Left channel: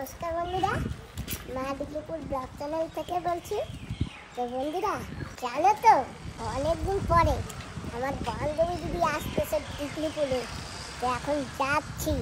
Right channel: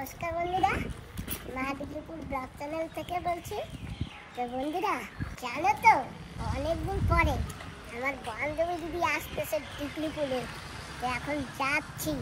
নমস্কার বন্ধুরা, মা দিগলিপুর ব্লগ চ্যানেল থেকে বলছি। তো বন্ধুরা জানো তো, অনেকদিন পরে আমার বান্ধবী দিদি আসতেছে দিগলিপুরে। তো এখন যাচ্ছি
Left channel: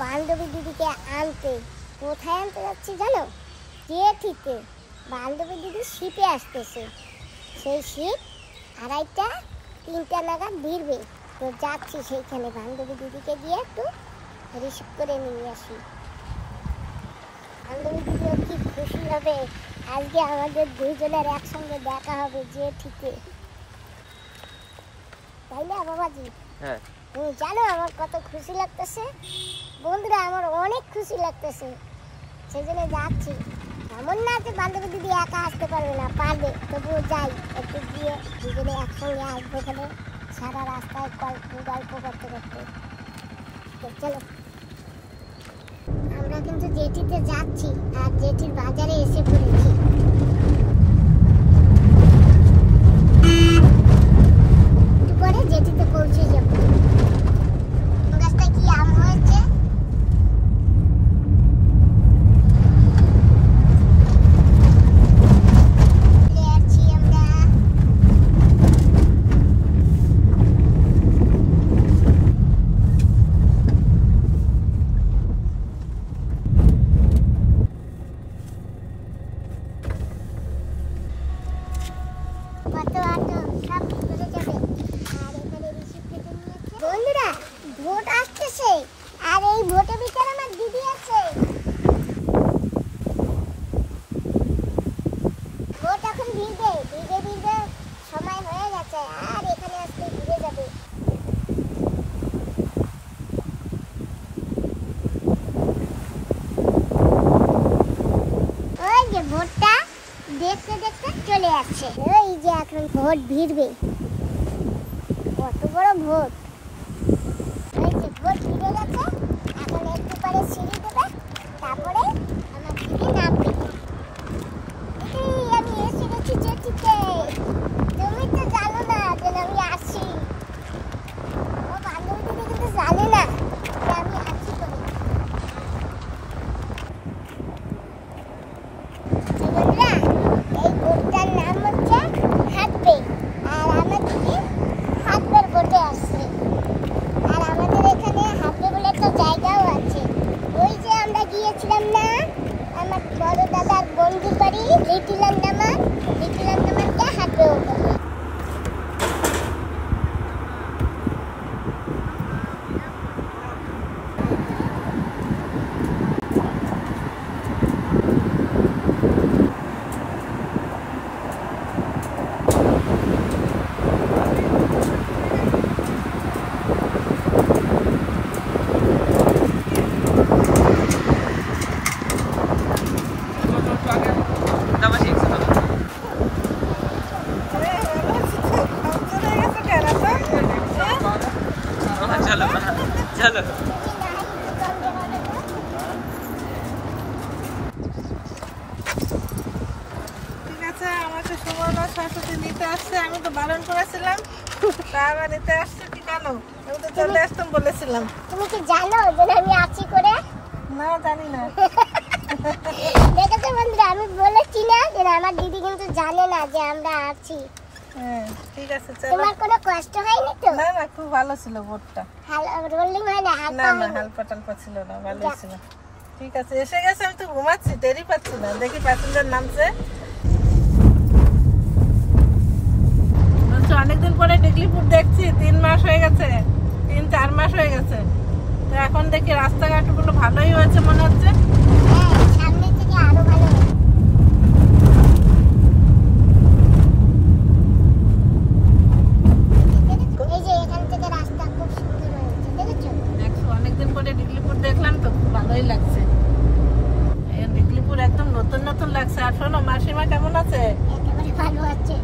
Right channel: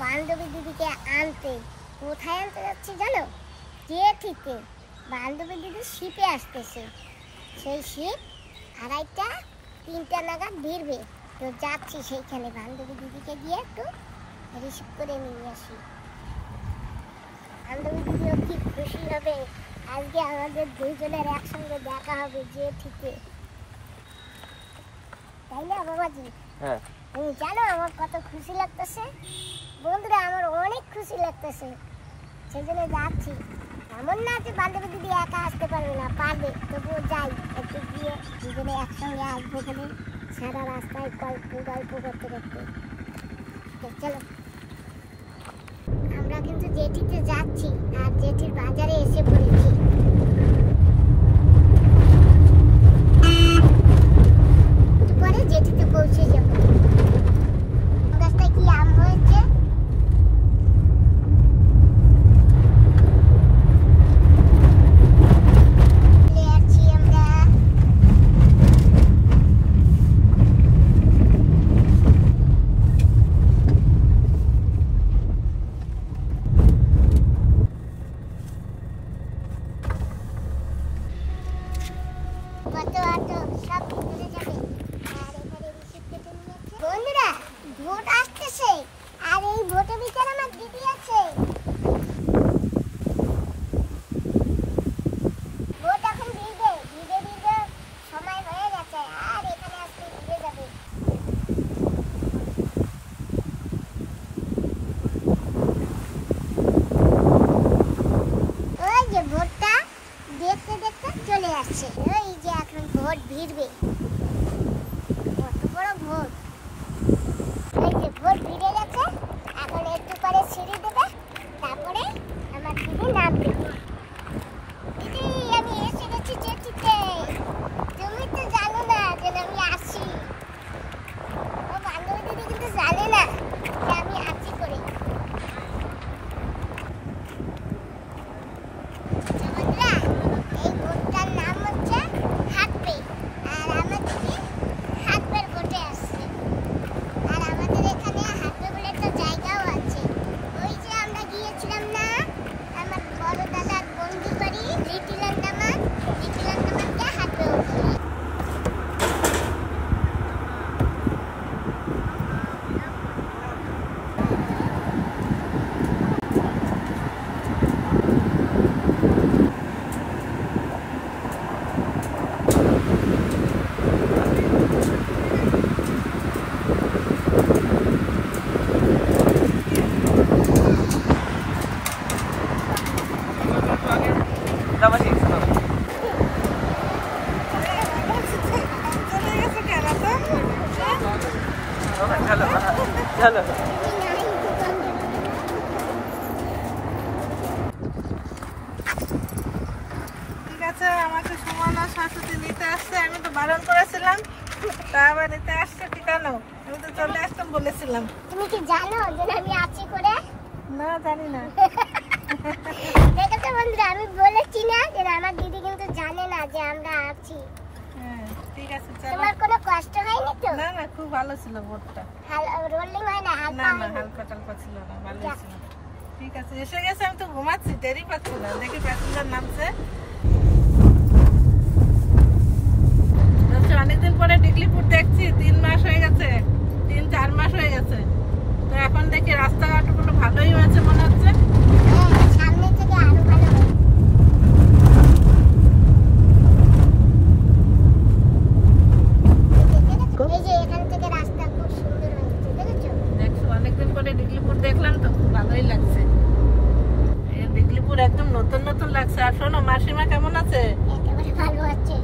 বান্ধবী দিদিকে আনতে। কোথায় আনতে যাচ্ছি জানো? জেঠিতে। বান্ধবী দিদি শিপে আসতেছে। সেই শিপ 2:30-3টা নাগাদ ভিড়বে। তো যাচ্ছি সেইখানে বান্ধবী দিদিকে গিয়ে একটু রিসিভ করে নিয়ে আসি। বান্ধবী দিদিও কি খুশি হবে, আজকে আমাদের দুইজনের একসঙ্গে দেখা হবে জেঠিতে, তাই না বাবাজি? হ্যাঁ, তুমি জানো আমার কত খুশি লাগতেছে বন্ধুরা, আমার অনেক খুশি লাগতেছে। সেই জন্য যাচ্ছি। এমন না যে বান্ধবী দিদি একা আসতে পারবে না, পারবে, তবুও যাই একটু গিয়ে দুজনে একসঙ্গে আসবো। ওখানে সারা রাস্তায় গল্প করতে করতে। চলো, আমরা কিন্তু জেঠিতে যাচ্ছি আর জেঠির বাজারে এসে পড়েছি। একটু পরে জেঠিতে পৌঁছে যাবো। গাছটায় কি আম হয়েছে? বন্ধুরা ভোট আসতেছে, আর এই ভোটের ভিতরে আমার দিদি আছে। ভোট এখন ভিড়বে সময় হয়ে গেছে, আর এখানে আসলে ভিড়ে যাবে। ওই যে ভোটটা দেখতে দেখতে চলে আসছে। এই যে এখন ভোট ভিড়বে, কত বড় ভোট। ভোট ভিড়ে গেছে, এখন একটু পরে সিঁড়ি দেবে, তারপরে আমার দিদি নামবে। আমি এসে গেছি জেঠিতে। তুমি তো জানো না যে আমি আসি। আমার বান্ধবী দিদি কিন্তু জানে না যে আমি আসি করে। বন্ধুরা এই ভোটটার নাম হচ্ছে হাতবে, আর আমার দিদি হাতবের ভোটে আসছে। আর আমাদের এখানে হাতবে বলে একটা জায়গাও আছে। ওই যে আমরা গিয়েছিলাম না আমার বড় দাদার বন্ধুর বাড়ি লিটিল আন্দামান, লিটিল আন্দামানকে হাতবেও বলে। চলো চলো। ঠিক আছে, আমাকে সুমনা শাশুড়ি নিতে আসছে। আমি তো বারণ করেছিলাম, তা আবার নিতে আসছে কি কেন? আমি তো চলে আসতাম বলেছিলাম। তুমি কি জানো যে আমি আছি করে? না, জানি না। দেখেছো বন্ধুরা, আমি বলেছি না যে আমার দিদি কিন্তু জানে না যে আমরা আছি। হ্যাঁ, ঠিক আছে, চলো। তোমার কোনো কষ্ট হয়নি তো? না না, খুব ভালো ছিল ভোটটা। রোলিং হয় না? না না, হালকা টালকা ছিল না, ভালোই ছিল। ঠিক আছে, এসে গেছে। আমি তো ঘুমাচ্ছি, টেরই পাচ্ছি না। দেখি প্যাসেঞ্জার নামছে। অনেকদিন পরে ডিগলিপুর দেখছি। 3 মাস হয়ে গেছে, 3-4 মাস হয়ে গেছে। তো এখন দেখি রাস্তাঘাটগুলো ভালোই হয়েছে মনে হচ্ছে। হ্যাঁ, সামনে থেকে আরো ভালো হবে। এই যে এখান থেকে রাস্তা খুব সুন্দর হয়েছে, দেখেছো? অনেকদিন পরে ডিগলিপুর দেখলাম তো, খুব ভালোই লাগছে। ডিগলিপুর একদম নতুন নতুন লাগছে। আর শোনো, মাসিমা কেমন আছে? একেবারে ভালো আছে।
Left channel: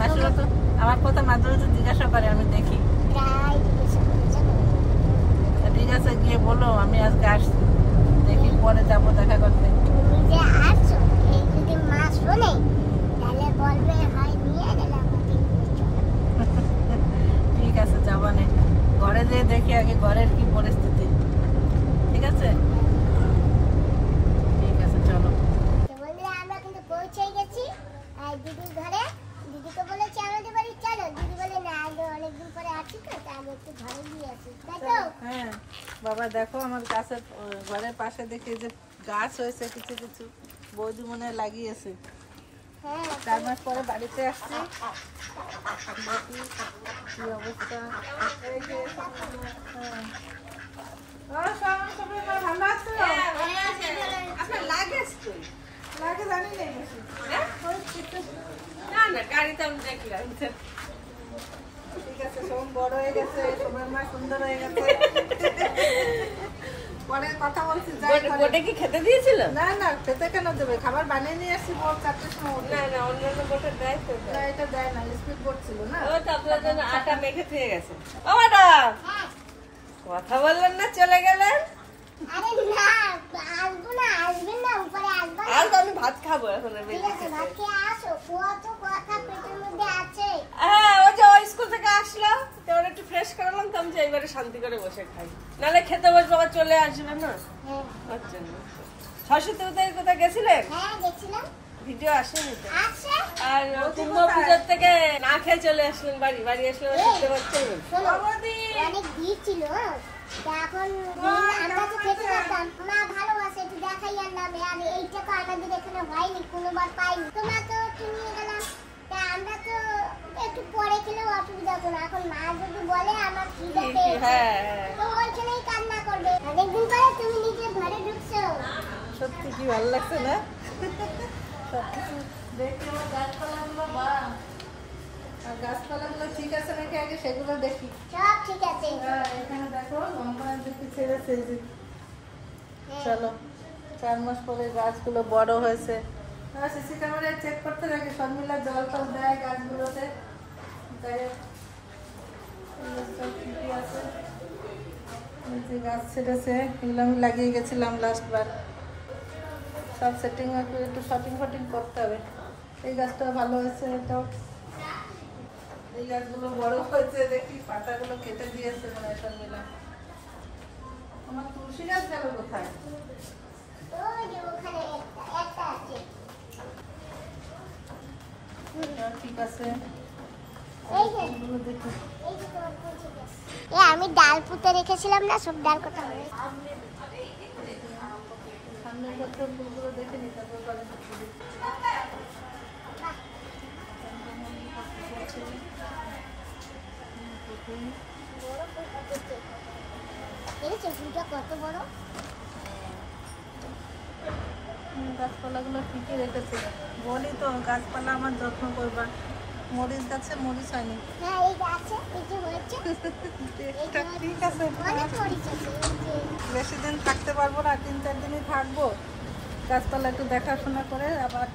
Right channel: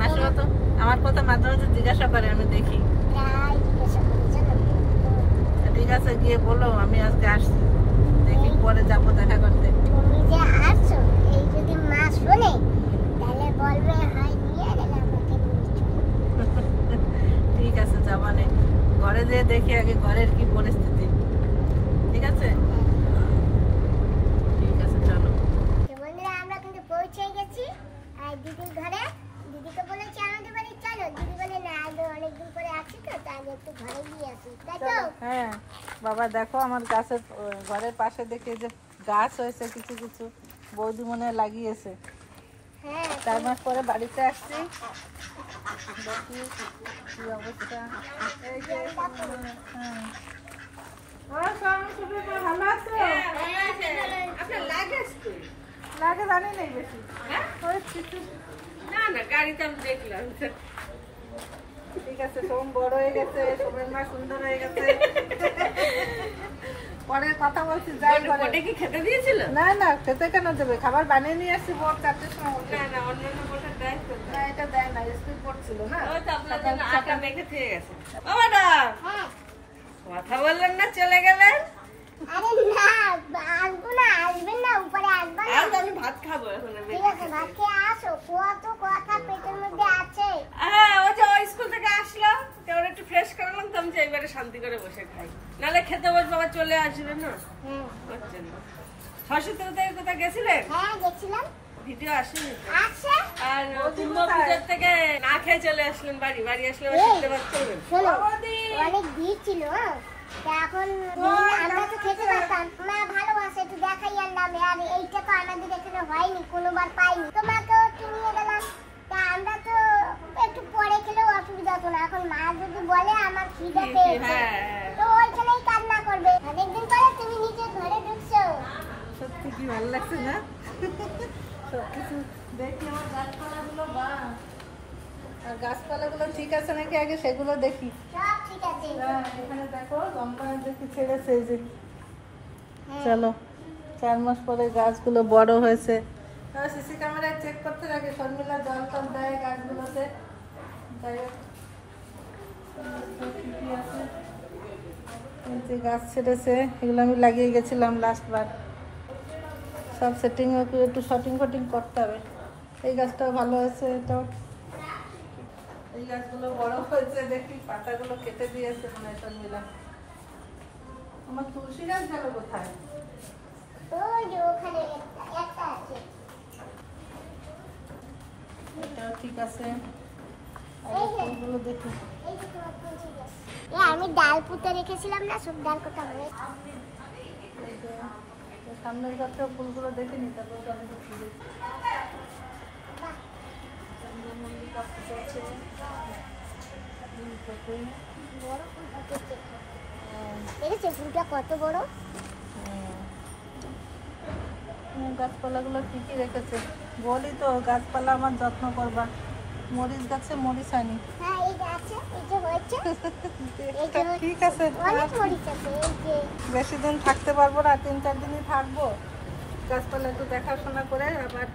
মাসিমা তো আমার কথা মাঝে মাঝে জিজ্ঞাসা করে, আমি দেখি। প্রায় জিজ্ঞাসা করে, জানো? ঠিক আছে, গিয়ে বলো আমি আজকে আসছি, দেখি পরে যাবো দেখা করতে। তুমি যে আসছো, এই যদি মা শোনে তাহলে বলবে হয় নিয়ে গেলে আমাকে নিয়ে চলো। ঠিক আছে, যাবো না। ঘরে যেয়ে দেখি আগে ঘরের কি পরিস্থিতি। ঠিক আছে। আবার দেখো আমার গাছের ঘরের পাশে দেখি যে গাছ হয়েছে কিছু কিছু, বৌদি মনে হয় লাগিয়েছে। হ্যাঁ 4 মাস পরে বাড়িতে আসছি, দেখি কি অবস্থা। এই যে হ্যাঁ ভালো আছে। লাগে জানি নেই বেশি, গাড়িতে আমি দেখলাম। ঠিক আছে, সোম বড় হয়ে গেছে, সোমের মা সুন্দর হয়ে গেছে। পরে কথা বলছি, যাই করে। ওটা কি খেতে দিয়েছিল? না না, খেতে কেন দেবে, খাবার বানিয়ে নিয়ে আসছি ভোর 4টার সময় উঠে। না না, অন্যান্য বোটে দেয় তো। না এটা দেয় না, স্পিড বোট ছিল না। ওই তো আপনার জন্য আটা মেখে দিয়ে গেছে। ও ম্যাডাম, কথা বললেন না, চলে গেলেন? আরে না, আসবো না, আসবেন না, উপরে আসবো না। আর তো আমি ভাত খাবো এখন। ঠিক আছে, ভাত খেয়ে আসো, কত কথা পেটের মধ্যে আছে। হ্যাঁ, ও যে ওই স্কুল থেকে আসলো, তো ওরা একটু ফ্রেশ করালাম, তো আমি যে এইবারে শান্তি করে বসে খাই। নাহলে খেতে বসবো, আবার চলে আসবে না। হ্যাঁ হচ্ছে না। সরস্বতী পুজোয় কোথায় গেছিলেন? হ্যাঁ গেছিলাম। ভিডিও আসেনি তো। আচ্ছা আর কুম্ভ পুজোর থেকে না খেয়ে চলে আসলেন বাড়ি। বাড়ি আসলে আবার শুনতে পাচ্ছেন। শোনো, অনেক ভিড় ছিল, তা এখন আমরা তো খেতে পারতাম, মা ভালোবাসে একটু দেখাই আনলাম। আর এইটা তো আমাদের এখানে হয়নি, কোনোবার পাইনি, তোমাকেও একটু নিয়ে গেলাম। তা আমরা তো একটু পরে খেলেও অসুবিধা হতো না। এখন মা যদি বলে আমার খিদে পেয়েছে, হ্যাঁ তো ওইখানেই কান্না করবে। অনেকদিন পরে তুমি নিজের ঘরে ঢুকছো। সত্যি কি ভালো লাগছে না? সবকিছু দেখি আমার গাছপালাগুলো, বা আর গাছপালাগুলো ঠিক আছে নাকি আগে সেগুলো দেখি। সব ঠিক আছে। হ্যাঁ, এখানে দেখো লম্বা দেখি ছেড়েছে এই যে। হ্যাঁ। চলো, 4 মাস পরে গাছগুলো বড় হয়েছে। সিসি ক্যামেরায় চেক করতে থাকে, শর্মিলা জল টল দেয় গাছগুলোতে। ঠিকই আছে। এই যে গাছ ছেড়েছে, এগুলো আমি লাগিয়ে গেছিলাম লাস্ট বার। সব সেটিং একটু শটিং ফটিং করতে হবে। এই গাছটাও ভালো আছে, এটা। এই গাছগুলো বড় হয়েছে, দেখি পাতাগুলো কেটে দিয়েছে মানে শর্মিলা। আমার তুলসী গাছ গেল কোথায়? ওই যে ওখানে একটা আছে। এটাও ঠিক আছে। এই যে এগুলো দেখি। এই যে তোমার তুলসী গাছ। আমি ডাল পুঁতে রেখেছিলাম না, সব ডাল কোথা হয়ে। এই যে সামনের গাছের ফুলগুলো দেখে নি, তারপর বাড়িতে ফুল চন্দ্রমল্লিকা পাতা আছে। বড় ফুল ফুটেছে, দেখেছো ফুলটা কত বড়। গাছপালাগুলো ঠিকই রেখেছে। বলি তো গাছপালা আমার যত্ন করবা। মরিচ গাছে মরিচ হয়নি। হ্যাঁ এই যে আছে, এই যে হয়েছে। ঠিক আছে, অনেক মরিচ আছে, এই যে। বেশি দিন থাকতে পারবো না, 3-4 দিনই থাকবো। গাছপালা একটু দেখাশোনা করে আবার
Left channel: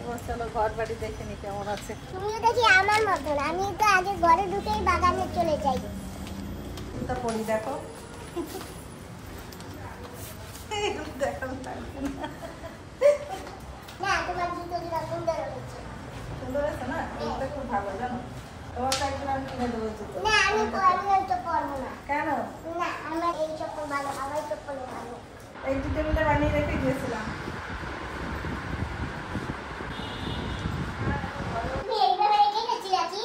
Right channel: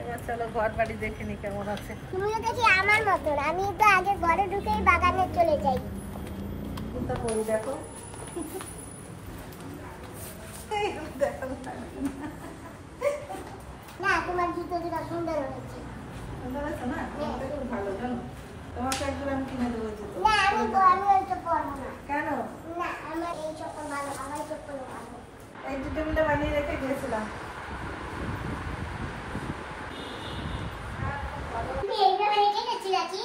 এবার চলো ঘর বাড়ি দেখে নি কেমন আছে। তুমিও দেখি আমার মতন, আমি তো আগে ঘরে ঢুকেই বাগানে চলে যাই। চিন্তা করি দেখো, এইগুলো দেখানো লাগবে না। না তোমার জুতো জোড়া সুন্দর হয়েছে। সুন্দর আছে না? এটা খুব ভালো জানো, তোমাকে একদিন আমি কিনে দেবো জুতো। না আমি ওইটা পরবো না। কেন? না আমার এই চপ্পল ভালো, আমার এই চপ্পল ভালো। এই দুটো মিলে বানিয়ে রেখে দিয়েছিলাম। তুমি এইভাবে রেখে গেছি নাকি?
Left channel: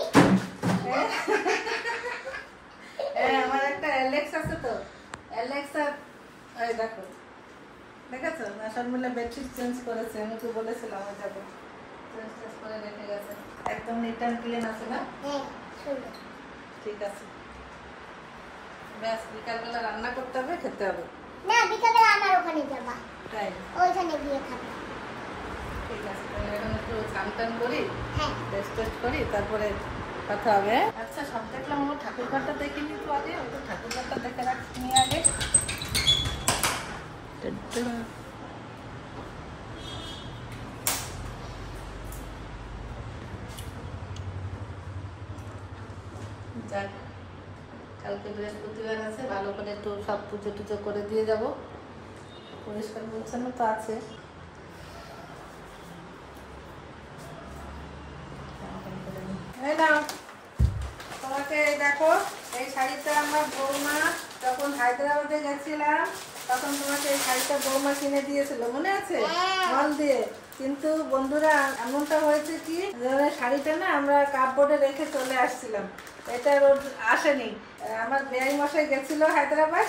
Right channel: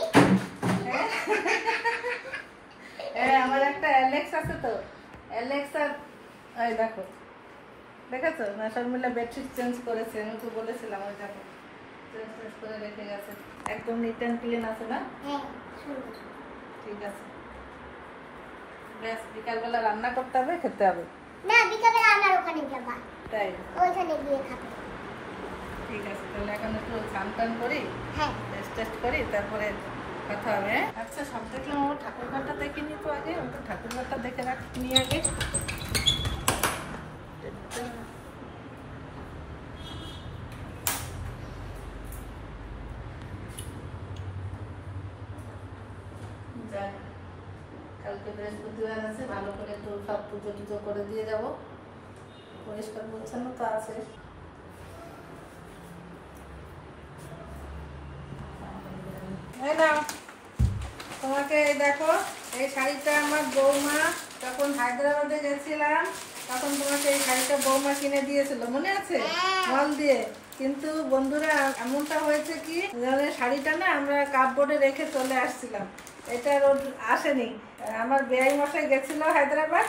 আমার একটা অ্যালেক্স আছে তো, অ্যালেক্সা। এই দেখো, দেখেছো না? শর্মিলা বেডশিট চেঞ্জ করেছে, আমি তো বলেছিলাম ওই যাবো, চেঞ্জ করে রেখে গেছে। একদম নিট অ্যান্ড ক্লিন আছে না? হ্যাঁ সুন্দর। ঠিক আছে, ব্যাস বিকালবেলা রান্না করতে হবে, খেতে হবে। না বিকালে আমার ওখানে যাবা, তাই? ওইখানে গিয়ে খাবো। ঠিক আছে, তাহলে এখন একটু স্নান টান করি, হ্যাঁ টেস্ট করি, তারপরে কথা হবে। আচ্ছা সব দেখলাম, আমার ঠাকুর ঘরটা দেখিনি তো আগে, ওই তো ঠাকুর ঘরটা দেখে রাখি আগে। যাক, কালকে বৃহস্পতিবার আছে, ভালো করে একটু সব পুজো টুজো করে দিয়ে যাব। পরিষ্কার পরিচ্ছন্ন তো আছে। তোমাকে দেখো এই শাড়িটা আমার বৌমা যখন হায়দ্রাবাদে গেছিলাম তখন তোমাকে এই শাড়িটা বৌমা কিনে দিয়েছিল, মনে আছে? মল দিয়ে। কিন্তু বন্ধুরা এমনটা হয়েছে কি, শাড়িটা না আমরা কাপবোর্ডে রেখে চলে আসছিলাম, এটা রোড আসেনি। আমার বেআই মশাই গেছিল হায়দ্রাবাদ,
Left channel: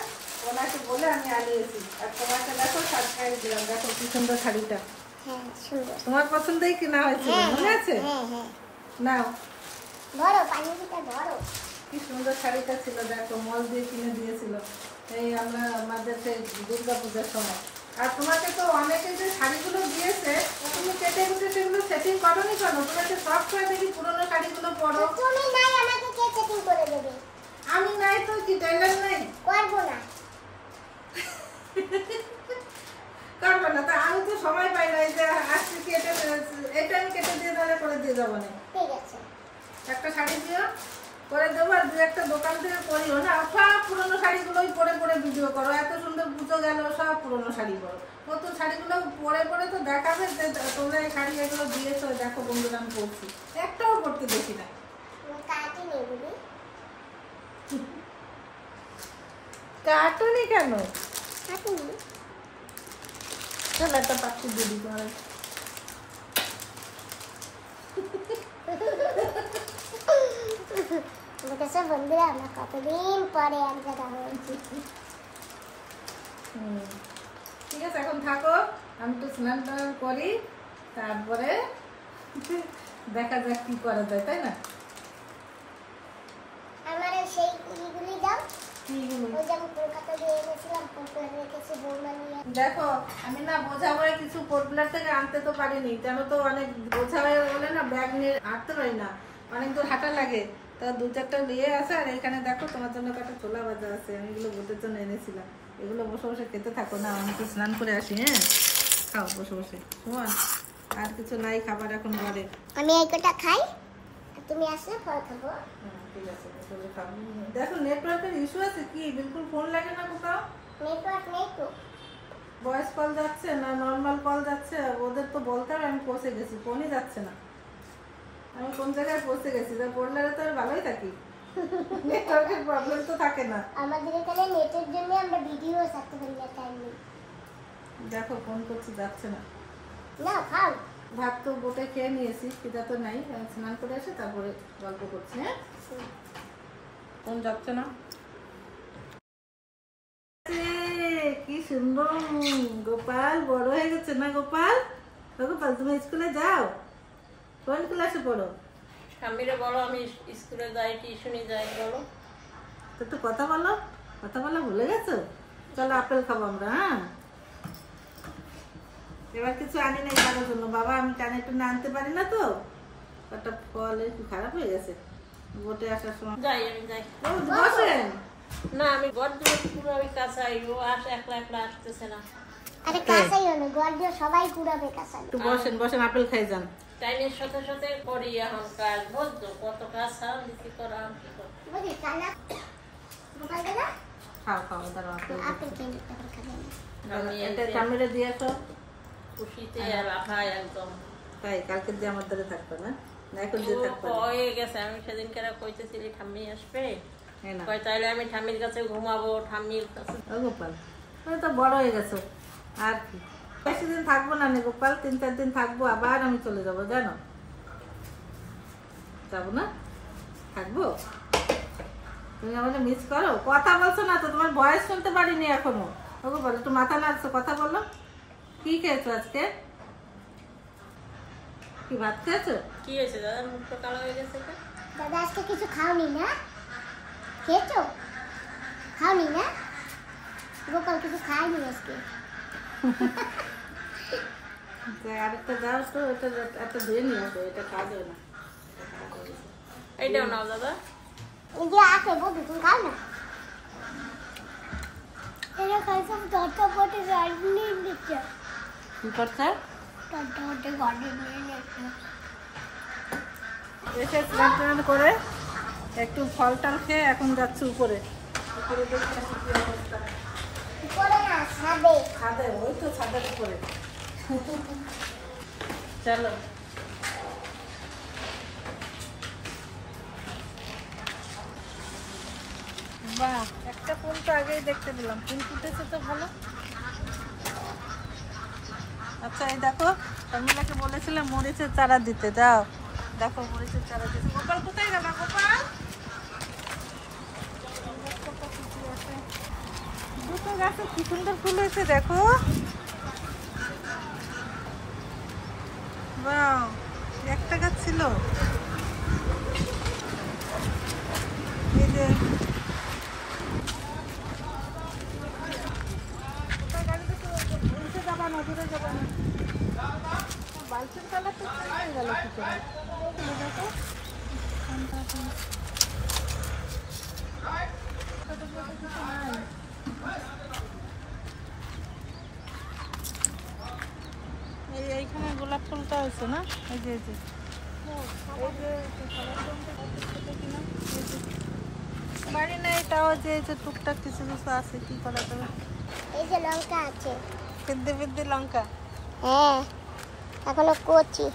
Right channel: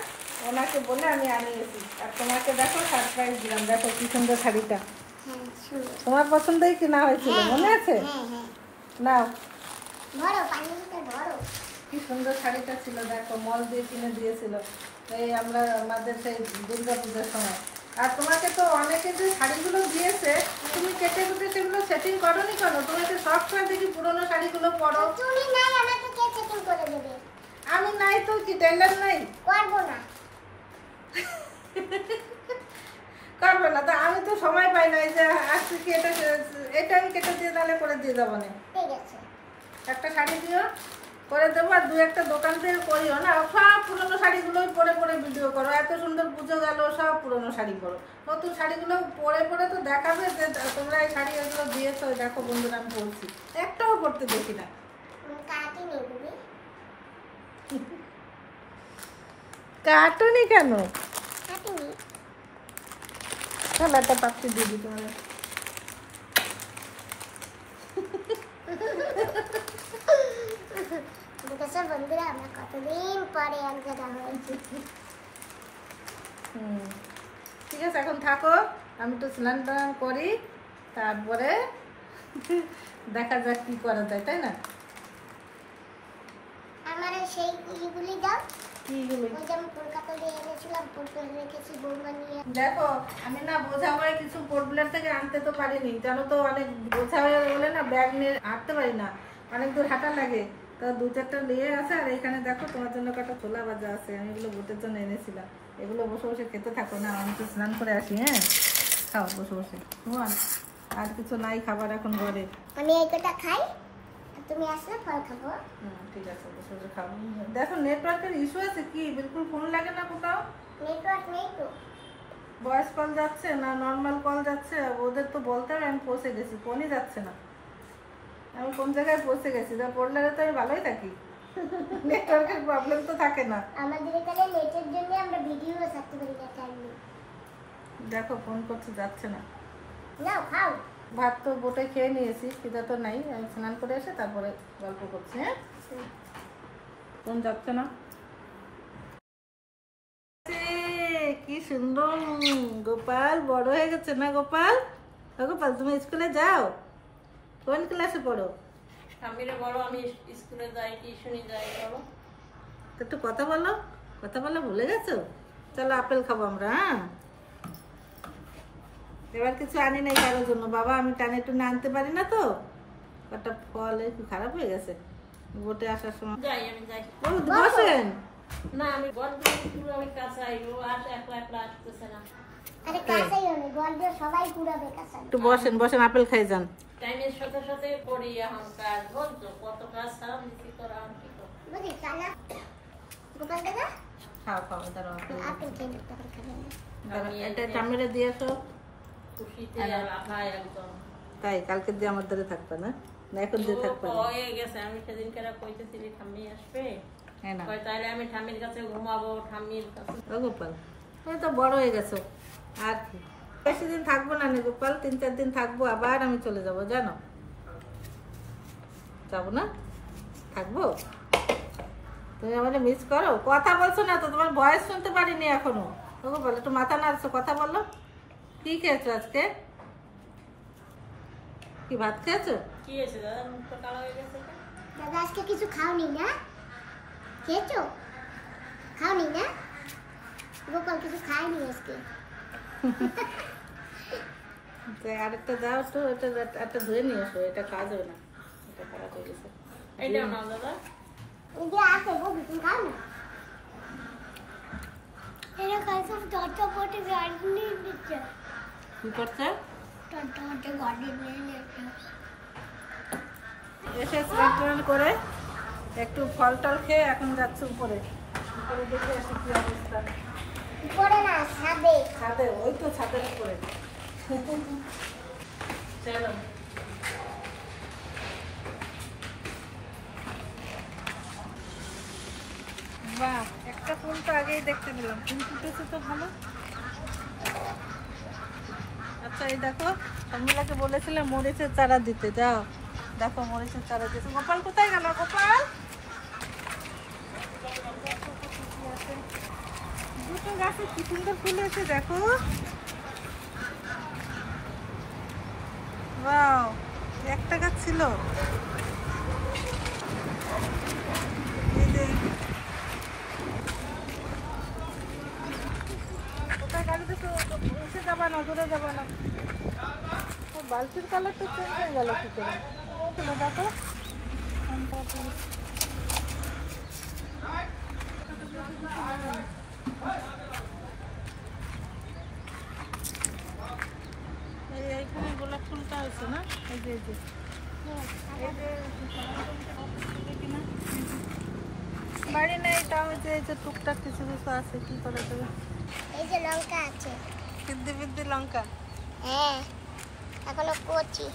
ওনাকে বলে আমি আনিয়েছি। আর তোমাকে দেখো সারপ্রাইজ দিলাম, দেখো কি সুন্দর শাড়িটা। তোমার পছন্দই কিনা হয়েছিল, মনে আছে? নাও, কি সুন্দর শাড়িটা ছিল, দেখো মল দিয়ে কিনে দিয়েছিল এই আমরা আমাদের সেই দুর্গাপূজার সময়। আর তোমাকে তো অনেকে যে শাড়িগুলো দিয়েছে তুমি কেটে কুটে সেগুলো সেটিং করোনি কেন? তুমি তো সব সময় দেখি পুরোনো শাড়িগুলো পরো। আমি নাই তো, কি টেলার নাই? করবো না তো, আমি তো সময় পাই না। এই যে আজকে কি এটা আমি কেটে দিয়ে তাহলে করে দিয়ে যাবো না। একটা শাড়ি দিও, করে দেবো। আর দু একটা দোকান থেকে করিও না, সব পুরোনো শাড়িগুলোই পরে পরে ভিডিও করো। এত সুন্দর পুজো গেল, সব পুরোনো শাড়ি করো। নতুন শাড়িগুলো পরে পরে তো দেখাবে যে তোমরা এই শাড়ি এগুলো দিয়েছো, দেখো বন্ধুরা আমি বলছি। একটাও পরতে দেখি না। কাটুনি কেন? একটা পাপ্পি দিয়ে দিই তোমার। বন্ধুরা আমরা কতদিন পরে দেখা হয়েছে। ঠিক আছে, এখন থাকো, আমি তো স্নান টান করি, তারপরে দেখা যাক কি করা যায়, তাই না? আমার সেই ইগুলি দাও। কিগুলো? ওই যে আমি কলকাতা দিয়ে এনেছিলাম, পোর্টব্লেয়ার রেখেছি বৌমা নিয়ে। দেখো আমি না বোঝা হয়ে কিছু পোর্টব্লেয়ার থেকে আনতে তো পারিনি, জানো তো অনেক বোঝা হয়ে গেলে না ব্যাগ নিয়ে হাঁটতে পারি না, অনেক দূর হাঁটা লাগে। তো দু চারটা নিয়ে আছে। আর এখানে দেখো তোমার জন্য কটা ছোলা ভাজা আছে, আমি এগুলো বোটের জন্য এনেছিলাম। এগুলো বসে বসে খেতে থাকো না, আমি তো স্নান করে আসি। হ্যাঁ, খাও বসে বসে। আর কিছু নাই খাবার এখন ঘরে। আমি এই কটা খাই, তুমি আসলে ফল খাবো। ঠিক আছে, বসে বসে খাবো। দেখো নেটওয়ার্কের ইস্যু আছে কি, বিলকুল ফোন লাগে না কোথাও। নেটওয়ার্ক নেই তো। ভয়েস কল যাচ্ছে না নর্মাল কল যাচ্ছে, ওদের তো বলতে হবে আমি পৌঁছে গেছি, ফোনই যাচ্ছে না। আমি কোন জায়গায় পৌঁছে গেছি, যা পড়লে তো আমি ভালোই থাকি, নেটওয়ার্কের প্রবলেম তো থাকে না। আমাদের এখানে নেটের জন্য আমরা ভিডিও ছাড়তে পারি না, টাইম নেই। দেখো ফোন করছি, যাচ্ছে না। নাও খাও। ভাত তো বোটে খেয়ে নিয়েছি, খিদা তো নাই। আমি স্নান করে এসে তারপরে গল্প করছি। হ্যাঁ, ফোন যাচ্ছে না। কি সুন্দর গোপাল বড় হয়ে গেছে না গোপাল? গোপাল তুমি স্কুলে যাও? কোন ক্লাসে পড়ো? স্বামীরে বলো আমি স্কুলে যাই, টিউশনে যাই। বলো একটু কথা বলো, কথা বলা ভুলে গেছো? চলো আপেল খাবো আমরা। হ্যাঁ, এবার কিছু আনি নাই কারোর জন্য, বাবা আমি টানে টুনে আনতে পারি না তো। একটা ফল একটু খারাপ হয়ে গেছে বোটে আসার সময়। যাই, আমি যাই। বসেন না, আমি বড্ড পুরো ওই কাঁচাই, ও আসে একলা একলা আসতেছে না। আরে কাঁচাই না, গর্জ সবাই কুড়াবে কাঁচা। একটু বসেন, বসেন আপেল খাই যান। টাইমের সাথে সাথে করি এখন কাজ, বলতো কত কাজ ছাড়া কি করা কি করা। বুঝি কালা গোপাল দাদা খাও খাও, দাঁড়াও আপেল আপেল খেয়ে নিতে হবে। এটা চামড়ে দিয়ে আসো। খুশিতে আর খাই একদম। তাই কালকে দিয়ে আমার ধরে থাকবে না, না এখন দিয়ে থাকবে না? হয়ে গেছে, আমি সেদিন কেনা কইতেছিলি ঠাম্মি আসবে, হ্যাঁ না তাইলে আমি ঠাম্মির কাছে ঘুমাবো। ঠাম্মির কাছে ও গোপাল তুমি তো বড় হয়ে গেছো, আর কি বেশি দিন থাকবো না নি গোপাল, 3-4 দিন থাকবো, আবার আমি চলে যাবো, জানো? যাবো না, থাকবো। তুমি আমাদের মিস করো, কথা বলছো না তো, তোমার ভয়েস শুনতে পারিনি এখনো। ও গোপাল একটু মাথা নাড়ছো, কথা বলো। কি খেয়েছো আজকে? কি ভাত খেয়েছো? কি হয়েছে দাদা, মুখটা কালো হয়ে গেছে? দাদা আজকে কিছু খাওনি না? খেয়েছো? খাওনি না? গোপাল কিছু খায়নি আজকে। আরেকটা দাও তো, ওটা একটা ধুয়ে নিয়ে আসো, এটা খাওয়া যাবে না, এটা খারাপ হয়ে গেছে। এইটাও নাও দাদা। এই যে আছে বলবি, তুমি খাও না। এরা খাইছে দরটা পটে গাড়ি নিয়ে নিচ্ছে। কি করছে? দরটা পটে গাড়ি নিয়ে নিচ্ছে। এসে স্নান টান করে একটু ফল টল খেয়ে এখন যাচ্ছি উপরে। উপরে দেখে আসি কি অবস্থা। উপরে না, ছাদে। ছাদে, ওই তো ছাদের উপরে। চলো। বাহ, একটা ফুল তো আগেই দেখতে পেলাম, ফুল ফুটেছে তো ভালো। আচ্ছা এই দেখো, শর্মিলাকে বলেছিলাম মরিচের চারা দিতে, দাও দেখো মরিচের চারা দিতে। গোপাল কোথায় গেল? গোপাল দেখো কত কি আছে, দুটো গাছে কি সুন্দর ফুল হয়েছে দেখো। বাহ, একটা গাছ ছিল। এই যে কোথায় গাড়ি দিতে, উঠে যাবা না, দূরে যাবা না। বালতির কালারটা চেঞ্জ হয়ে গেল কি করে? দেখো এইখানে গোলাপ ফুলটা আছে না, এই যে বাড়ি নেই তাও যে এই যে টুকটাক কিছু কিছু আছে, কি করা যাবে। এই যে লঙ্কা আছে। বিদ্যু বিদ্যু লঙ্কা, হ্যাঁ এখনো কচি।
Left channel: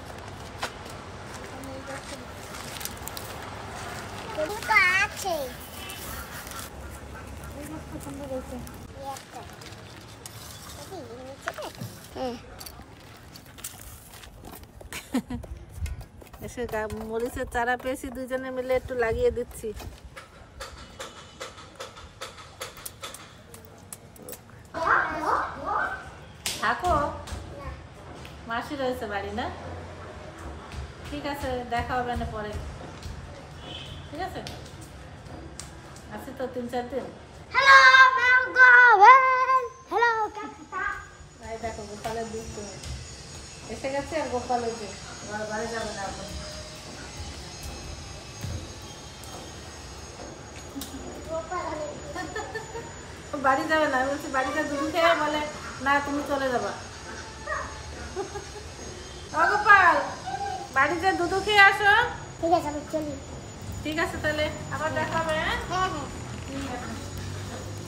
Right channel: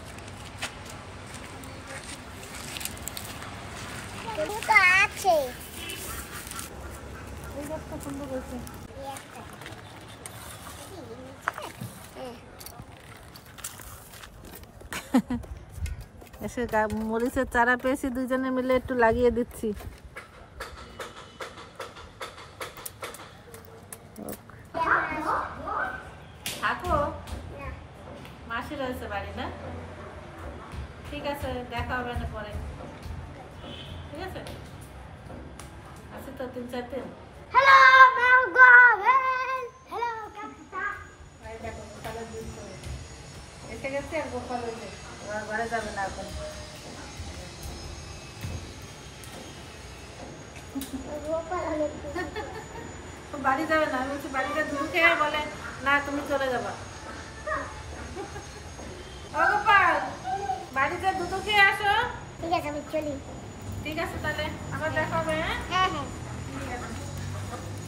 কিন্তু তো আছে। এই গাছটা সুন্দর হয়েছে। এই একটা। এই নিচে হুম। এসে মরিচের চারা পেয়েছি, দুজনে মিলে একটু লাগিয়ে দিচ্ছি। থাকো, না মাসি রয়েছে বাড়ি না? ঠিক আছে, দেখা হবে না পরে, ঠিক আছে? আছে তো 3-4 দিন। হ্যালো ম্যালগোভেন। হ্যালো কাকা। এই দেখো গোপালের দুধ এসে গেছে, আর গোপাল হয়েছে বাড়ি যাবে না এখন। বাড়ি যাবে না, বলছি বাড়িতে দুধ খেয়ে বলে না তুমি চলে যাবা। ও গোপাল, বাড়িতে দুধ খেয়ে আসো। ঠিক আছে আমি চলি। ঠিক আছে তাহলে আবার দেখা হবে। হ্যাঁ হ্যাঁ ঠিক আছে,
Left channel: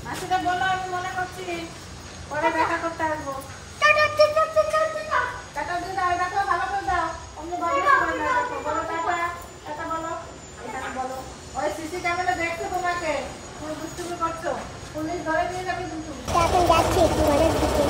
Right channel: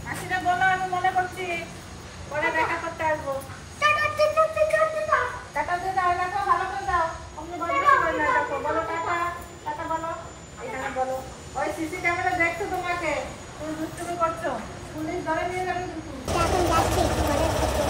মাসিটা বলো আমি মনে করছি পরে দেখা করতে আসবো। টাটা দিয়ে দাও, দেখো ভালো করে দাও, অমনি বদমাইশি করে না, দেখো বলো টাটা, টাটা বলো, এখানে বলো। ওই সিসি ক্যামেরা দেখছো তোমাকে, তুমি দুষ্টুমি করছো, পুলিশ ধরে নিয়ে যাবে কিন্তু। এখন যাচ্ছি একটু ঘরের দিকে।